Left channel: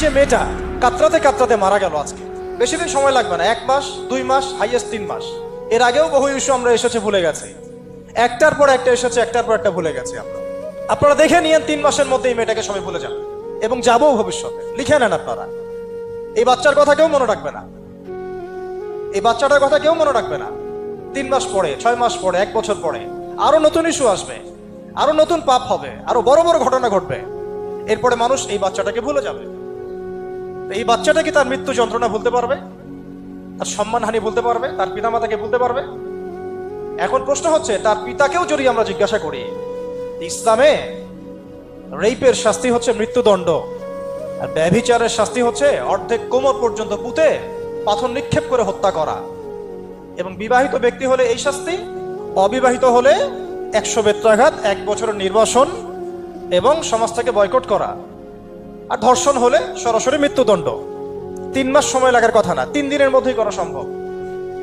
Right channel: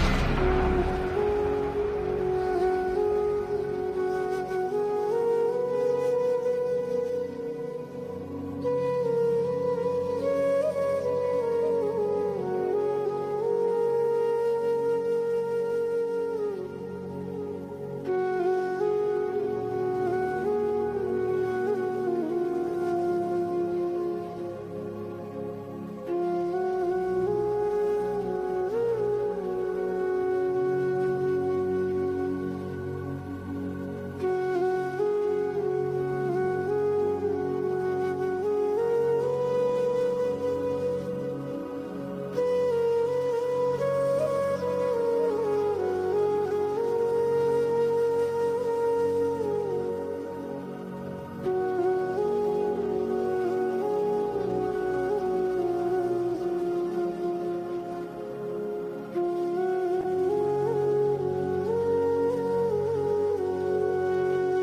যে মেয়েটা কাতরাতে কাতরাতে মারা গেল আজকে, বেশি দিন সময় লাগবে না, 1 মাস 2 মাস হাইয়েস্ট 3 মাস। এর আগেও বহু ইস্যু আমরা এসেছে ভুলে গেছি, একটার পর একটা এসেছে, একটার পর একটা ভুলে গেছি আমরা। আপনারা দেখে নিয়েন 3 মাসের মধ্যে এই মেয়েটাকে সবাই ভুলে যান, এবং যাবো ভবিষ্যতে। লিখে নেন আপনারা, এই বাচ্চার কথা কেউ মনে রাখবে না, এই বাচ্চাটার কথা কেউ মনে রাখবে না। 3 মাস পরে, 6 মাস পরে, 1 বছর পরে আরো নতুন ইস্যু আসবে, আরো নতুন পাপ হবে, আরো বড় বড় ঘটনা ঘটবে। এরপরে মানুষ এই বাচ্চাটাকে ভুলে যাবে। এই বাচ্চাটা কি তার মৃত্যু যন্ত্রণা ভুলতে পারবে? তার সম্মানহানি ভুলতে পারবে? তার পিতামাতাকে ভুলতে পারবে? এখন প্রশ্ন হচ্ছে, তার পিতাকেও যদি আমরা জিজ্ঞাসা করি, ইসলামে রেপের শাস্তি হচ্ছে মৃত্যুদণ্ড, আর ব্যভিচারের শাস্তি হচ্ছে অর্ধেক কোমর পর্যন্ত পুঁতে পাথর নিক্ষেপ করে হত্যা করা। এবং বিবাহিত ব্যক্তি হলে এই শাস্তি, অবিবাহিত হলে 100 বেত্রাঘাত, 1 বছরের নির্বাসন এবং সমাজ থেকে বয়কট করা। আর ধর্ষণ হলে সরাসরি মৃত্যুদণ্ড। 3 মাস সময় লাগার কথা না, 3 দিনের মধ্যেই করা সম্ভব।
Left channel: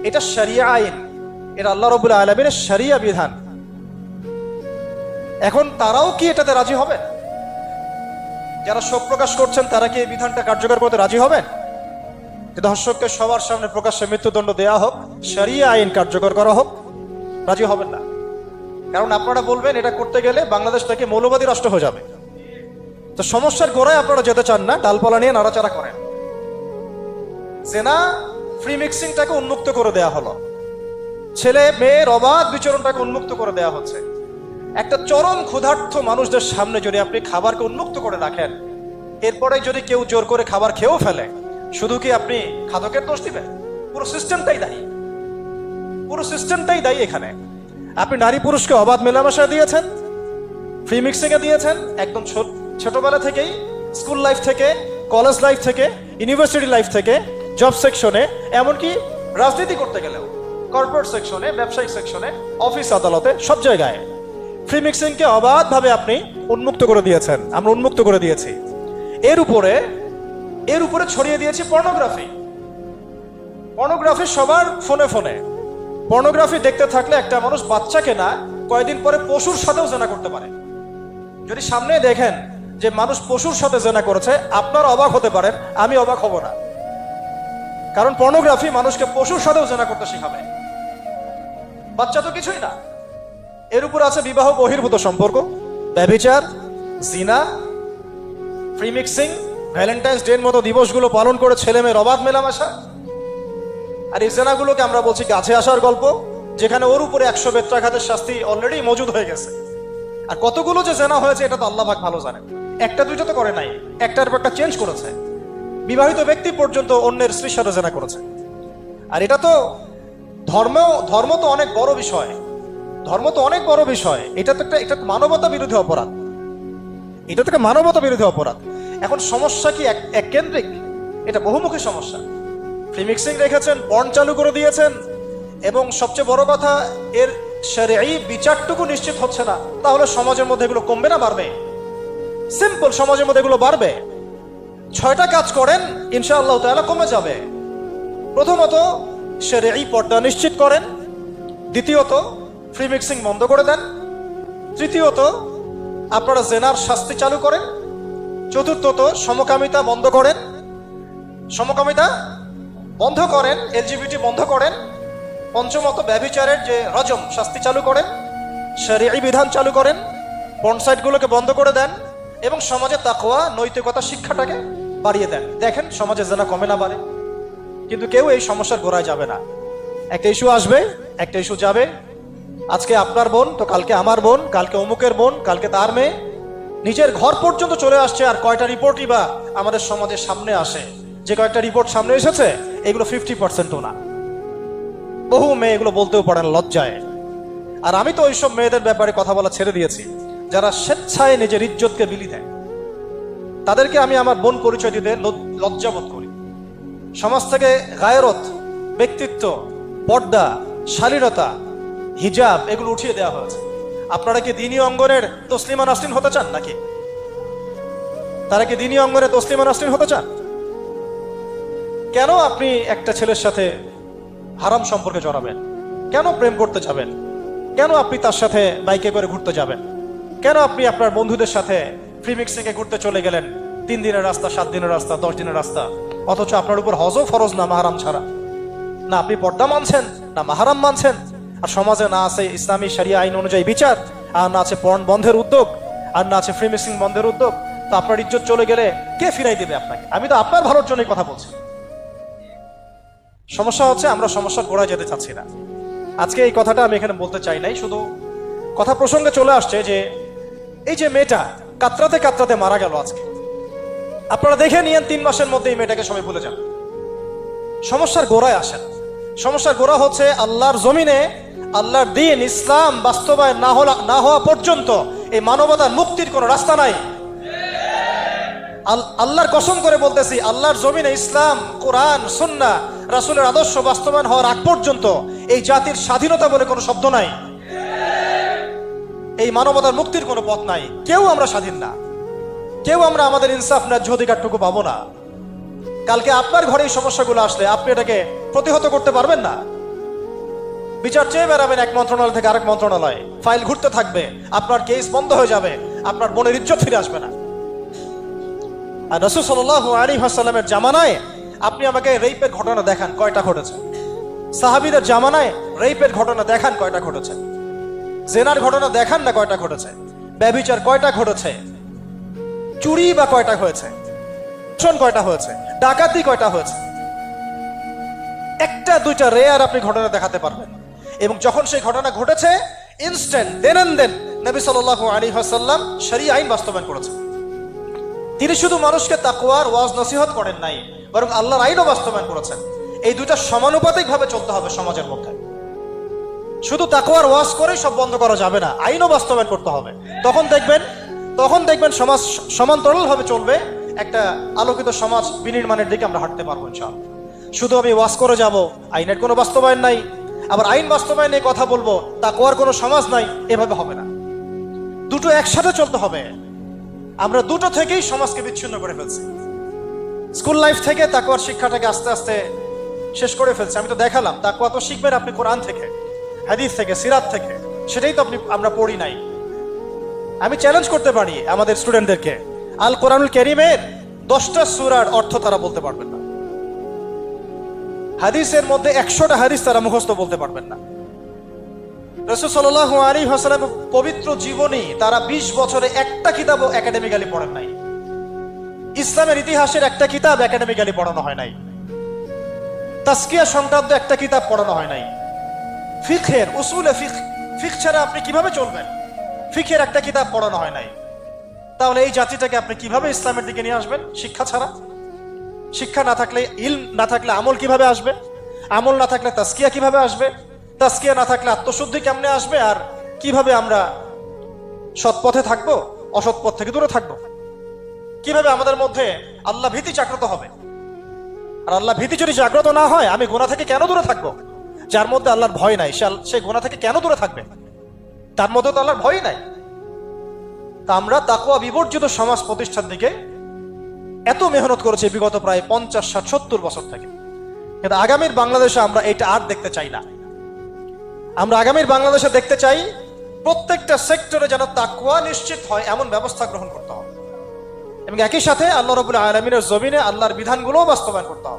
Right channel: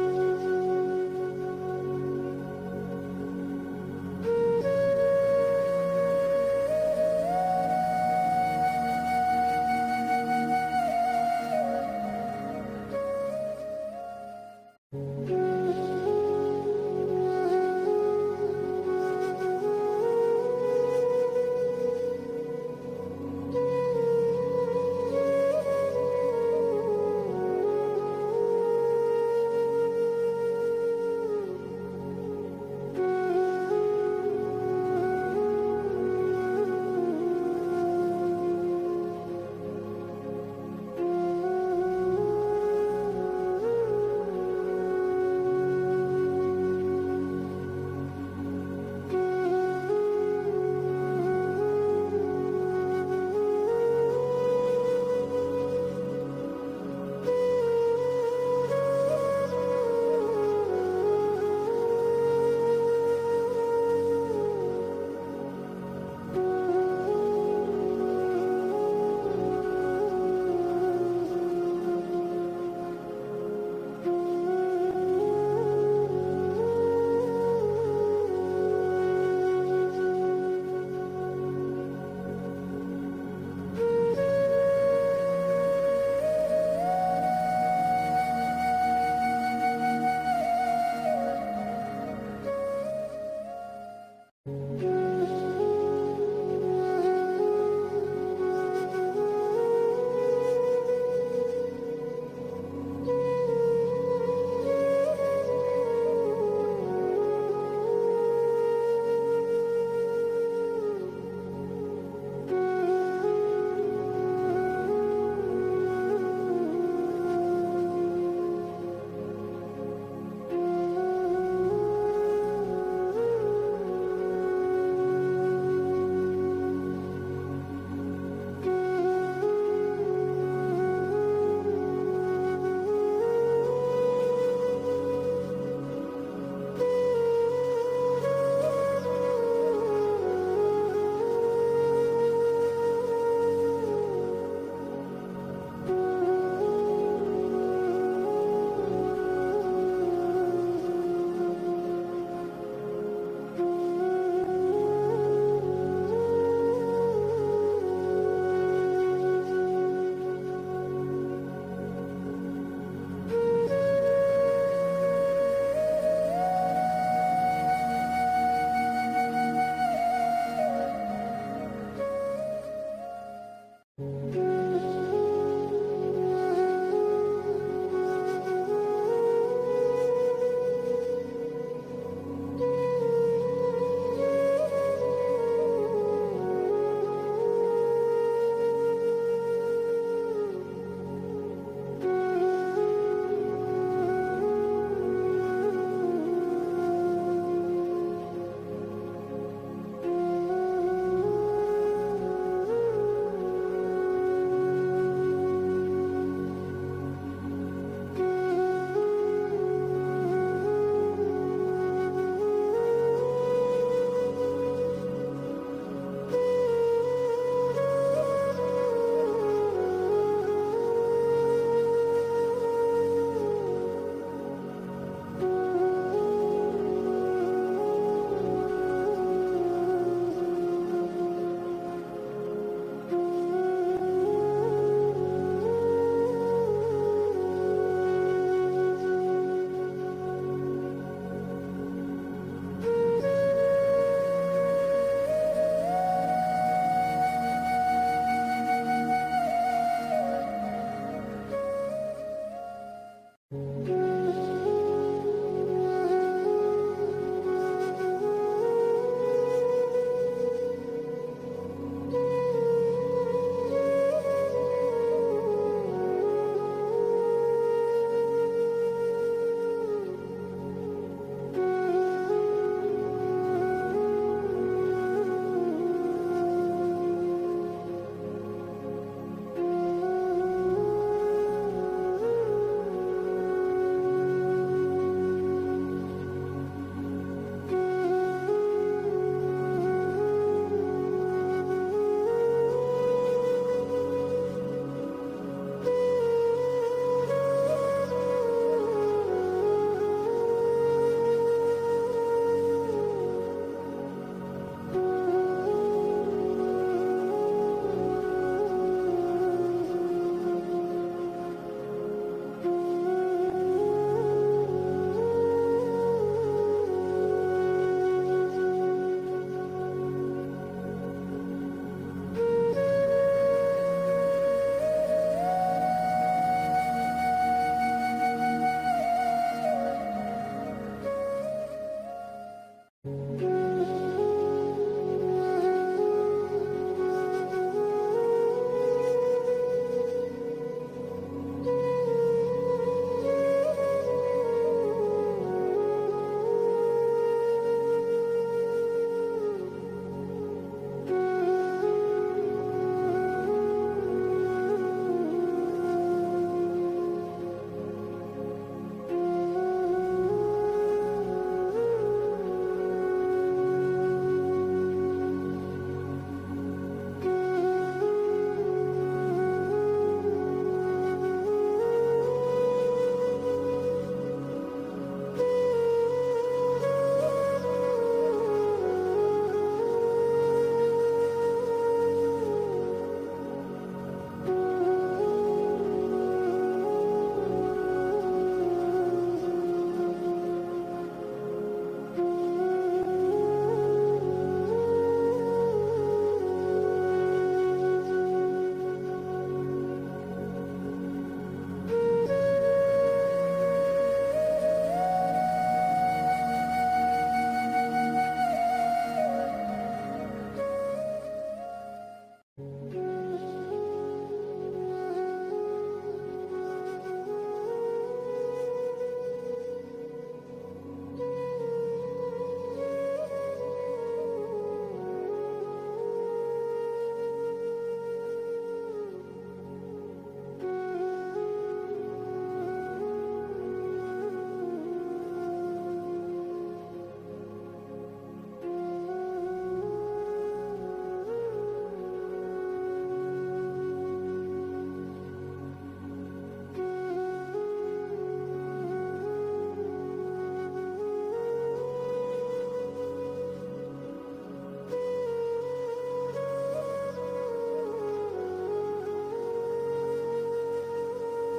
এটা শরিয়া আইন, এটা আল্লাহ রাব্বুল আলামিনের শরিয়া বিধান। এখন তারাও কি এটাতে রাজি হবে? যারা শোক প্রকাশ করছেন তারা কি এই বিধানটা কার্যকর করতে রাজি হবেন? যে ধর্ষককে সবার সামনে প্রকাশ্যে মৃত্যুদণ্ড দেয়া হোক, শরিয়া আইন কার্যকর করা হোক? রাজি হবেন না। কারণ আপনারা বলবেন এটা করতে গেলে বাংলাদেশ থেকে মৌলবাদী রাষ্ট্র হয়ে যাবে। তো সমস্যার গোড়ায় আপনারা যেতে চান না, ডালপালা নিয়ে নাড়াচাড়া করেন। জেনা ফ্রি মিক্সিংটাকে উন্মুক্ত করে দেয়া হলো, ছেলে মেয়ের অবাধ বিচরণটাকে উন্মুক্ত করে দেয়া হচ্ছে। একটা চরম ক্ষুধার্ত মানুষদের সামনে যদি আপনি খাবারকে উন্মুক্ত করে রাখেন, এরপরে যদি কেউ জোর করে খাবার খেয়েও ফেলে, শুধু কি আপনি খাদকের দোষ দিবেন? পুরো সিস্টেমটাই দায়ী, পুরো সিস্টেমটাই দায়ী এখানে। আপনি নারী পুরুষকে অবাধ মেলামেশা দিয়েছেন, ফ্রি মিক্সিং এ দিয়েছেন, একদম ছোটবেলা থেকেই, স্কুল লাইফ থেকে, কলেজ লাইফ থেকে, ইউনিভার্সিটি লাইফ থেকে, জব সেকশনে, এমনকি রাজনীতি করতে গেলেও কর্পোরেট সেকশনে, ব্যবসায়িক সেকশনে, অফিস আদালতে, সব জায়গায় ফ্রি মিক্সিংকে অবাধভাবে আপনি উন্মুক্ত করে দিয়েছেন, আমরা উন্মুক্ত করে দিয়েছি। এর উপরে ছড়িয়ে দিয়েছি পর্নোগ্রাফি। পর্নোগ্রাফি সবার ফোনে ফোনে। পর্নোগ্রাফি দেখতে থাকলে একটা মানুষ বাচ্চাকে না, কয়েকদিন পরে পশুর সাথেও জেনা করতে পারে। যদি সামনে দেখেন যে মানুষ পশুর সাথে জেনা করেছে, আপনার অবাক হতে পারেন, আমি অবাক হব না। কারণ পর্নোগ্রাফি মানুষকে পশুর সাথেও জেনা করতে শেখাবে। বাচ্চা তো কিছুই না। এর উপর আছে বিবাহ বহির্ভূত সম্পর্ক, ব্যভিচার, জিনা, ফ্রি মিক্সিং, ভ্যালেন্টাইন্স ডে এর মতো দিবসগুলো পালন করে ছেলে মেয়ের অবাধ মেলামেশা। আর এই জেনাগুলোকে আমরা বলছি গাছে আসার গল্প, যেখানে ওর উপরে 100 বেত্রাঘাতের শাস্তি অলরেডি মজুদ হয়ে গেছে। আর কতগুলো যে জেনা হয়েছে এটা তো আল্লাহ পাক ভালো জানেন। একটা দুইটা তো করে নাই, একটার পর একটা চেঞ্জ করেছে। বিবাহিত ব্যক্তি পর্যন্ত অন্যের স্ত্রীর সাথে জেনা করেছে। আর এটা তো ধর্ম তো অনেক বড় বিষয়, ধর্ম তো অনেক বড় বিষয়। এটা মানবতা বিরোধী অপরাধ, এটা থেকে মানবতা বিরোধী অপরাধ। এখন সমস্যা কি এক কেন্দ্রিক? এটা বহুমুখী সমস্যা। ফ্রি মিক্সিং রেখেছেন, পর্ন চালু করে দিয়েছেন, এবং সবচেয়ে বড় কথা, এর শরঈ বিচারটুকু নিশ্চিত হচ্ছে না। তাহলে সমাজের মধ্যে এগুলো কমবে না বাড়বে? সিম্পল, সমাজের মধ্যে এগুলো বাড়বে। 6টা কাজ করেন, ইনশাআল্লাহ তাআলা কমে যাবে। প্রথমত শরঈ পর্দা নিশ্চিত করেন, দ্বিতীয়ত ফ্রি মিক্সিং বন্ধ করে দেন, তৃতীয়ত আপনারা জেনার শাস্তি চালু করেন, চতুর্থত সমকামিতা বন্ধ করেন, এলজিবিটি বন্ধ করেন, পঞ্চমত ব্যভিচারের যে রজম শাস্তি চালু করেন, শরঈ বিধান চালু করেন, পর্ন সাইটগুলোকে বন্ধ করে দেন, এবং সমাজে তাকওয়া, নৈতিকতা শিক্ষাটাকে বাড়িয়ে দেন। দেখেন সমাজে জেনা কমে না বাড়ে। কিন্তু কেউ এই সমস্যার গোড়ায় যাবে না। একটা ইস্যু আসবে, একটা ইস্যু যাবে। আজকে আপনার বোন তো কালকে আমার বোন, কালকে অমুকের বোন, কালকে তার মেয়ে, নিজের ঘর পর্যন্ত চলে আসছে। আর কয়টা রিপোর্টই বা আমাদের সমাজের সামনে আসে? যে কয়েকটা রিপোর্ট সামনে এসেছে, এগুলো 50%ও না। বহু মেয়ে এগুলো বলতেও পারে না লজ্জায়। আর আমি তো ওইসব মেয়েদের ব্যাপারে কথা বলা ছেড়ে দিয়েছি, যারা স্বেচ্ছায় নিজের ইজ্জতকে বিলি দেয়। তাদেরকে আমি আমার বোন পরিচয় দিতে লজ্জাবোধ করি। সমাজ থেকে গায়রত, ব্যক্তিত্ব, পর্দা, শালীনতা, হিজাব এগুলো উঠিয়ে দেওয়া হয়েছে। আপনারা কি দ্বীনি অঙ্গনের তসলিমা নাসরিন হতে চান নাকি? তারা কি দ্বীনি অঙ্গনে তসলিমা নাসরিন হতে চান? কেন আপনি একটা ছেলের সাথে হারাম সম্পর্কে জড়াবেন? কেন প্রেম করতে যাবেন? কেন আপনি তার সাথে বাইকে করে ঘুরতে যাবেন? কেন আপনি আপনার বন্ধুদের সাথে ফ্রি মিক্সিংয়ে ঘুরতে চলে গেলেন? 3 দিনের রাস্তা, 7 দিনের রাস্তা, 10 দিনের রাস্তা, অথচ আপনার উপর হজও ফরজ না মাহারাম ছাড়া। না আপনি পর্দা মানছেন, না মাহারাম মানছেন, আর সমাজে না আছে ইসলামী শরিয়া আইন অনুযায়ী বিচার, আর না আছে পর্ন বন্ধের উদ্যোগ, আর না আছে ফ্রি মিক্সিং বন্ধের উদ্যোগ। তো আপনার ইজ্জত চলে গেলে কে ফিরাই দেবে আপনাকে? আমি তো আপনার ভালোর জন্যই কথা বলছি। সমস্যা হচ্ছে আমরা সমস্যার গোড়ায় যেতে চাচ্ছি না। আজকে এই কথাটা আমি এখানে বলতে চাই নাই, শুধু কথা প্রসঙ্গে চলে আসছে যে এই যে মেয়েটা কাতরাতে কাতরাতে মারা গেল আজকে, আপনারা দেখে নিয়েন 3 মাসের মধ্যে এই মেয়েটাকে সবাই ভুলে যান। সমস্যার গোড়ায় আসেন। সমস্যার গোড়া হচ্ছে আল্লাহর জমিনে আল্লাহর দ্বীন ইসলাম বাস্তবায়ন না হওয়া পর্যন্ত এই মানবতার মুক্তির কোনো রাস্তা নাই। আল্লাহর কসম করে বলতেছি, আল্লাহর জমিনে ইসলাম, কোরআন, সুন্নাহ, রাসূলের আদর্শ বাস্তবায়ন হওয়ার আগ পর্যন্ত এই জাতির স্বাধীনতা বলে কোনো শব্দ নাই। এই মানবতার মুক্তির কোনো পথ নাই। কেউ আমরা স্বাধীন না, কেউ আমরা আমাদের ইনসাফ ন্যায্য অধিকারটুকু পাবো না। কালকে আপনার ঘরে এই সমস্যাগুলো আসলে আপনি এটাকে প্রতিহত করতে পারবেন না। বিচার চেয়ে বেড়াবেন এক মন্ত্রণালয় থেকে আরেক মন্ত্রণালয়, ফাইল ঘুরতে থাকবে, আপনার কেস বন্ধ হয়ে যাবে, আপনার বোনের ইজ্জত ফিরে আসবে না। আর রাসূল সাল্লাল্লাহু আলাইহি ওয়াসাল্লামের জামানায় আপনি আমাকে রেপের ঘটনা দেখান কয়টা ঘটেছে? সাহাবীদের জামানায় রেপের ঘটনা দেখান কয়টা ঘটেছে? জেনার ঘটনা দেখান না কয়টা ঘটেছে? ব্যভিচার কয়টা ঘটেছে? চুরি বা কয়টা হয়েছে? শোন কয়টা হয়েছে? ডাকাতি কয়টা হয়েছে? একটা দুইটা রেয়ার আপনি ঘটনা দেখাতে পারবেন। এবং যখন সেই ঘটনা ঘটেছে ইনস্ট্যান্ট দেন এন্ড দেন নবী সাল্লাল্লাহু আলাইহি ওয়াসাল্লাম শরীয়ত আইন বাস্তবায়ন করেছেন। তিনি শুধু মানুষকে তাকওয়ার ওয়াজ নসিহত করেন নাই, বরং আল্লাহর আইনও বাস্তবায়ন করেছেন। এই দুইটা সমানুপাতিক ভাবে চলতে হবে সমাজের পক্ষে। শুধু তাকওয়ার ওয়াজ করেই সব বন্ধ করা যাবে না, আইনও বাস্তবায়ন করতে হবে। তখন দেখবেন সমাজ সমান্তরাল ভাবে চলবে। একটা আলোকিত সমাজ বিনির্মাণের দিকে আমরা হাঁটতে পারবো ইনশাআল্লাহ। শুধু আমি ওয়াজ করে যাব, আইনের কোনো বাস্তবায়ন নাই, আবার আইন বাস্তবায়ন নিয়ে কথা বলবো, তাকওয়ার কোনো সমাজ নাই, এভাবে হবে না। দুটো একসাথে চলতে হবে। আমরা দুটো থেকেই সমাজকে বিচ্ছিন্ন করে ফেলছি। স্কুল লাইফ থেকে তাকওয়ার শিক্ষাটাকে আস্তে আস্তে শেষ করে ফেলছি। আমি তো দেখালাম তাকওয়া তো শিখবেন আপনি কোরআন থেকে, হাদিস থেকে, সিরাত থেকে, সেটাই তো আমরা পড়ি নাই। আমি চ্যালেঞ্জ করতে পারি আমাদের স্টুডেন্টদেরকে, আল কোরআনুল কারীমের 10টা সূরার অর্থ তারা বলতে পারবেন না। হাদিসের মধ্যে 100টা হাদিস তারা মুখস্থ বলতে পারবেন না। রাসূল সাল্লাল্লাহু আলাইহি ওয়াসাল্লামের পবিত্র জীবনী তারা 20 বছরে একটা কিতাবও একাডেমিক্যালি পড়েন নাই। ইসলামের ইতিহাসের একটা কিতাব একাডেমিক্যালি পড়ানো হয় নাই। তাজকিয়া সংক্রান্ত একটা কিতাব পড়ানো হয় নাই। ফিকহের উসুলে ফিকহ ছাড়া আপনি কিভাবে চলবেন? ফিকহের একটা কিতাব পড়ানো হয় নাই। তাহলে এই জাতিটাকে আপনি কিভাবে ইসলামের দিকে নিয়ে আসবেন? শিক্ষা ছাড়া। শিক্ষা না থাকলে, ইলম না থাকলে আমল কিভাবে আসবে? আমল না থাকলে তাজকিয়া কিভাবে আসবে? তাজকিয়া না থাকলে আত্মশুদ্ধি কেমনে আসবে? আর কিভাবে আমরা সৎ পথে থাকবো, অসৎ পথ থেকে দূরে থাকবো? কিভাবে আমাদের মধ্যে আল্লাহ ভীতি জাগ্রত হবে? আর আল্লাহ ভীতি যদি জাগ্রত না হয়, আমি গুনাহ থেকে কেন দূরে থাকবো? যার মধ্যে আল্লাহর ভয় নাই সে গুনাহ থেকে কেন দূরে থাকবে? তার মধ্যে তো আল্লাহর ভয় নাই। তা আমরা তাকওয়া বিবর্জিত সমাজ প্রতিষ্ঠার দিকে এত মেহনত করেছি বিগত প্রায় 50, 60, 70 বছর থেকে। কিন্তু আগামীর বাংলাদেশে আমরা এটা আর দেখতে চাই না। আমরা আগামীর বাংলাদেশে দেখতে চাই প্রত্যেকটা সেক্টরে যেন তাকওয়া নিশ্চিত হয় এমন ব্যবস্থা গ্রহণ করতে হবে, এবং একই সাথে আল্লাহ রাব্বুল আলামিনের জমিনে আল্লাহর বিধানগুলোও বাস্তবায়ন করতে হবে।